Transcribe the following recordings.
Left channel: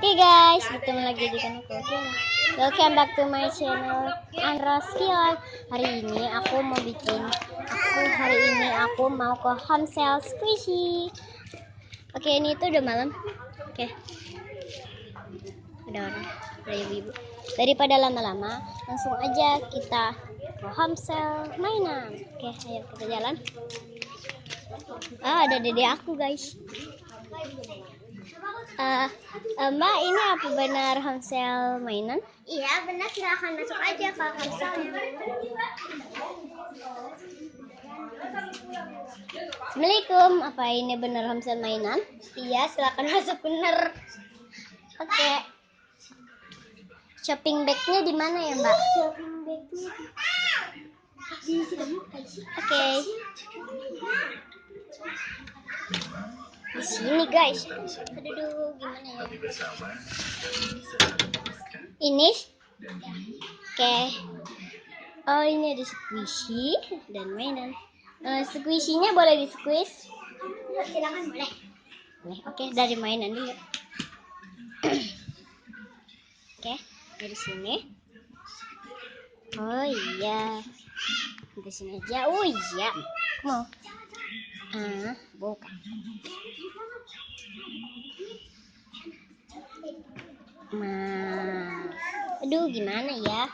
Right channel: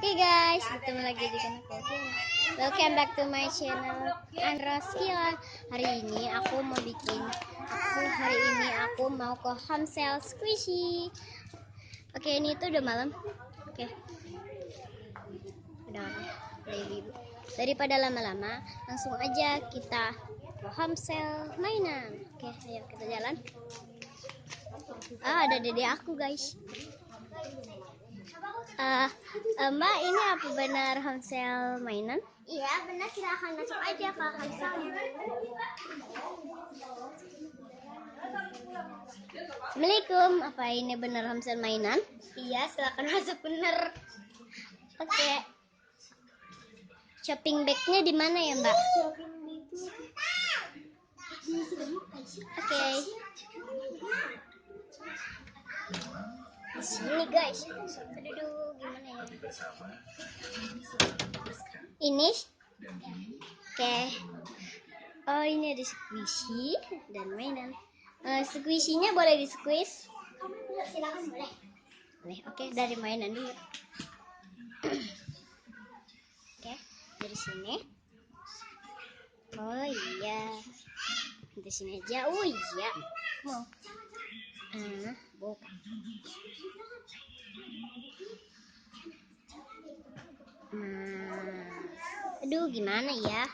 Oke guys, bertemu lagi di channelku. Welcome back to my channel Andros Kilan. Hari ini aku mau ke home sale squishy. Oke, ini tuh udah malam. Oke. Udah ibu-ibu. Daripada lama-lama, langsung aja kita ke home sale mainan. Oke, ayo kita jalan. Ada dede aku guys. Mbak, ini apa benar home sale mainan? Iya benar, silahkan masuk aja ke home sale. Assalamualaikum, apa ini benar home sale mainan? Iya, silahkan masuk benar. Oke. Shopping bagnya di mana ya Mbak? Shopping bagnya di Oke. Di sini guys. Aduh, gimana ya? Ini? Oke. Oh, ini ada squishy dan mainan. Squishy-nya boleh di squeeze? Silakan boleh. Oke, dari mainan dulu. Oke, dari sini. Oh iya, dari sini aja. Oh iya, mau. Bukan. Aduh, gimana ya?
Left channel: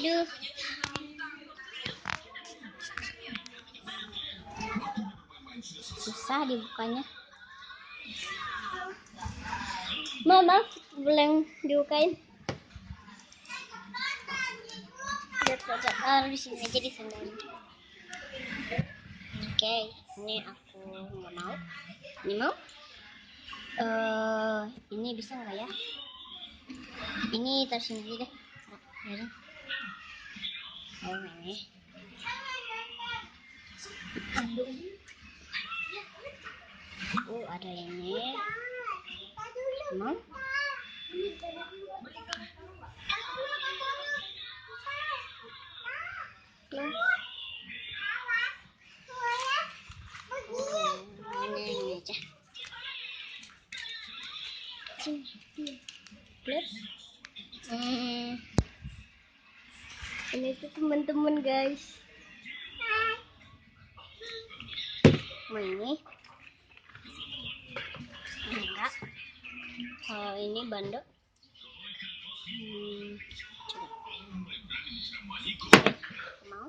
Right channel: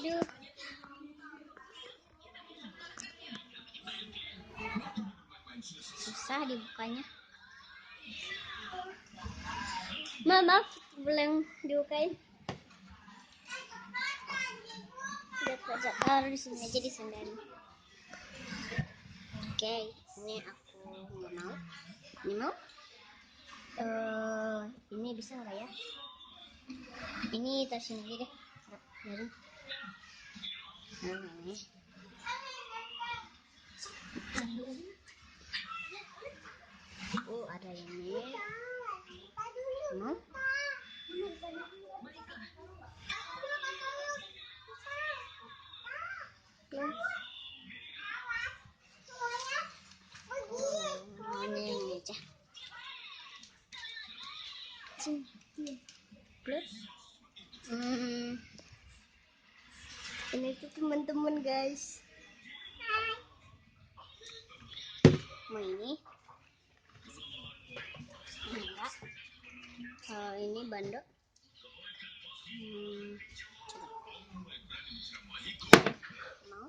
Aduh. Susah dibukanya. Maaf, boleh dibukain? Taruh di sini aja, di sandalnya. Oke, ini aku nggak mau. Ini mau? Ini bisa nggak ya? Ini taruh sini aja deh. Biarin. Ini. Ada ini. Mau? Ini aja. Ini tuh teman-teman guys. Mau ini? Enggak. Kalau ini bandot. Coba. Mau?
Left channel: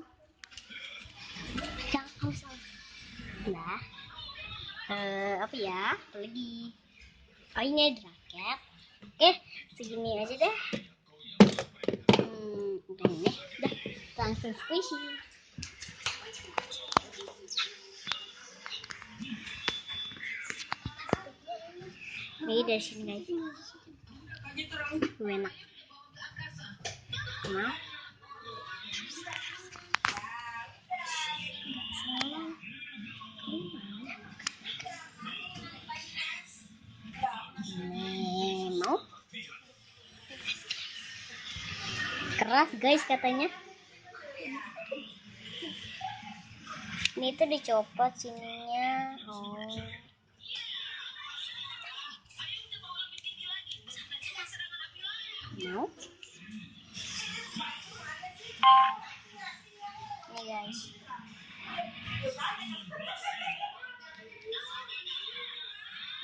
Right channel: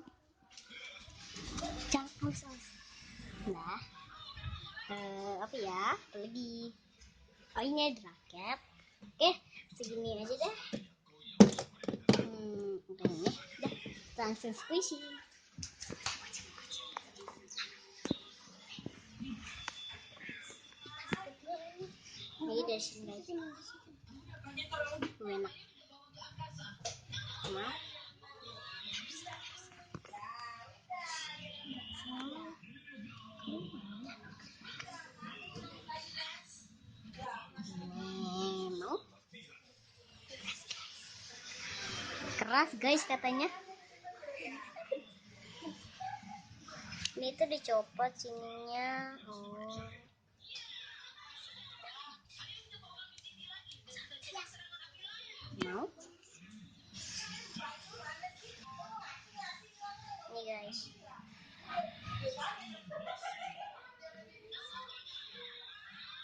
Jangan haus. Nah. Apa ya? Apa lagi? Oh, ini ada raket. Segini aja deh. Udah ini. Udah. Langsung squishy. Ini dari sini guys. Enak. Nah. Mau? Keras guys katanya. Ini tuh dicopot sininya. Mau? Ini guys.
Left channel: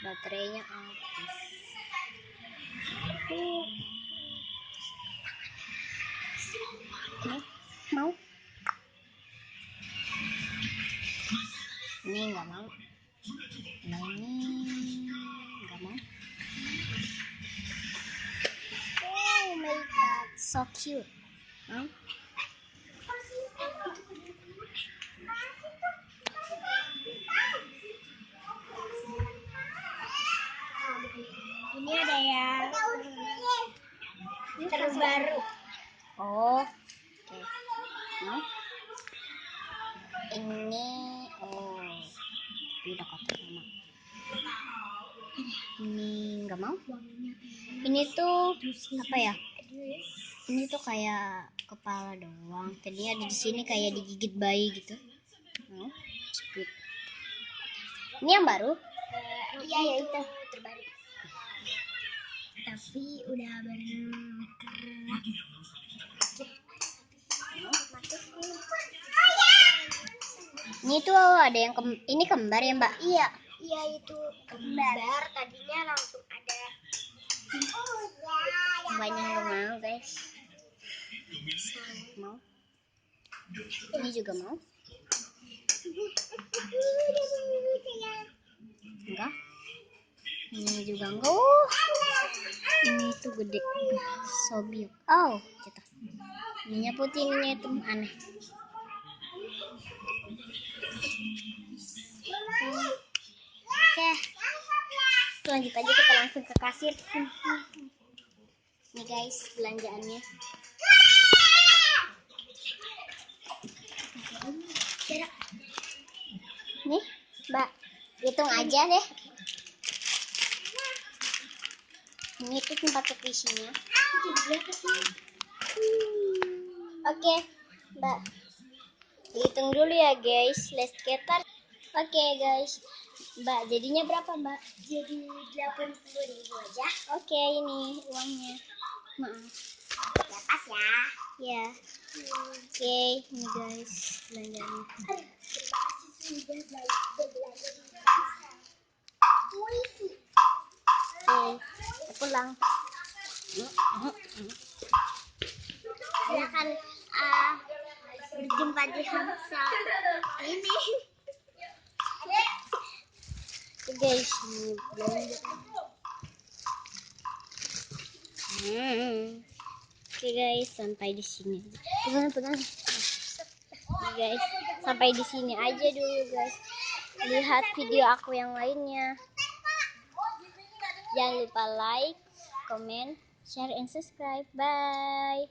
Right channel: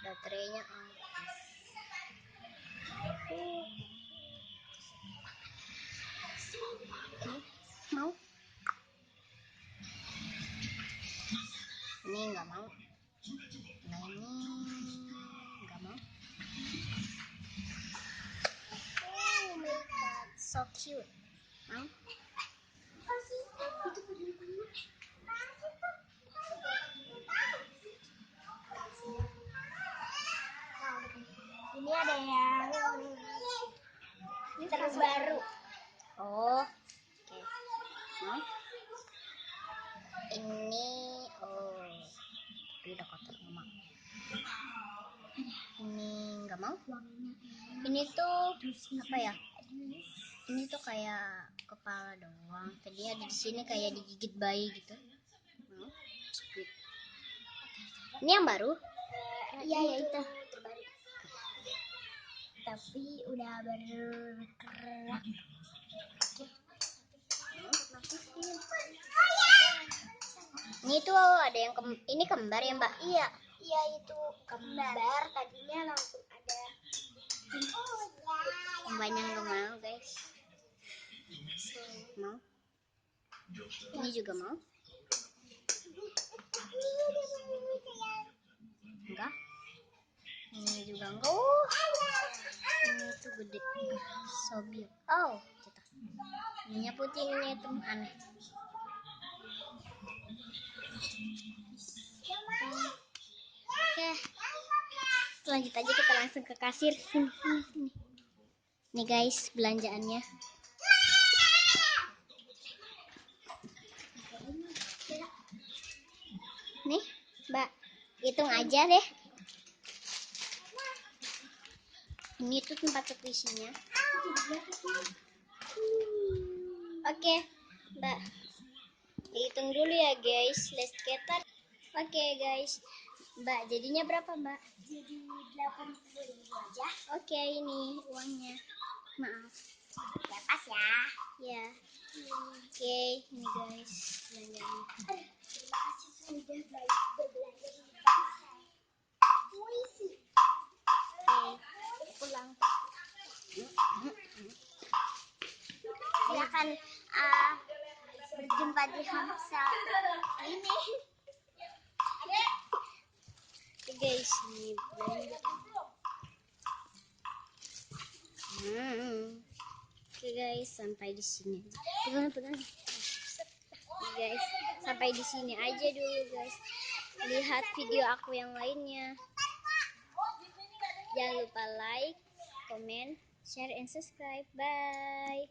Baterainya habis. Mau? Ini nggak mau. Nah, ini nggak mau. Oh my god, so cute. Mau? Ini ada yang terbaru. Oh, oke. Mau? Ini, tapi udah kotor sama. Ini nggak mau. Ini tuh apa ya? Ini tuh kayak kepala doang. Tadinya ada di sini kayak digigit bayi gitu. Mau? Speed. Ini yang baru? Iya ya, itu terbaru. tapi udah bergerak. Ini tuh ada yang ini kembar ya Mbak? Iya, iya itu kembar. Tadinya langsung ada. Banyak yang mau guys. Mau? Ini juga mau? Enggak? Ini juga enggak. Oh, ini tuh gede. Sobiuk. Oh, jatuh. Ininya putih, ininya hitam. Aneh. Oke. Lanjut aja, kita langsung ke kasir. Nih guys, belanjaannya. Nih, Mbak. Hitung aja deh. Ini tuh tempat isinya. Oke, Mbak. Hitung dulu ya guys. Let's get started. Oke guys. Mbak, jadinya berapa Mbak? Jadi 80.000 aja. Oke, ini uangnya. Maaf. Dapat ya. Ya. Oke, ini guys belanjanya. Terima kasih sudah berbelanja di puisi. Oke, pulang. Silakan berjumpa di Hamsa ini. Oke guys, ini belanja. Oke guys, sampai di sini. Pegang. Oke guys, sampai di sini aja dulu guys. Lihat video aku yang lainnya. Jangan lupa like, comment, share, and subscribe. Bye.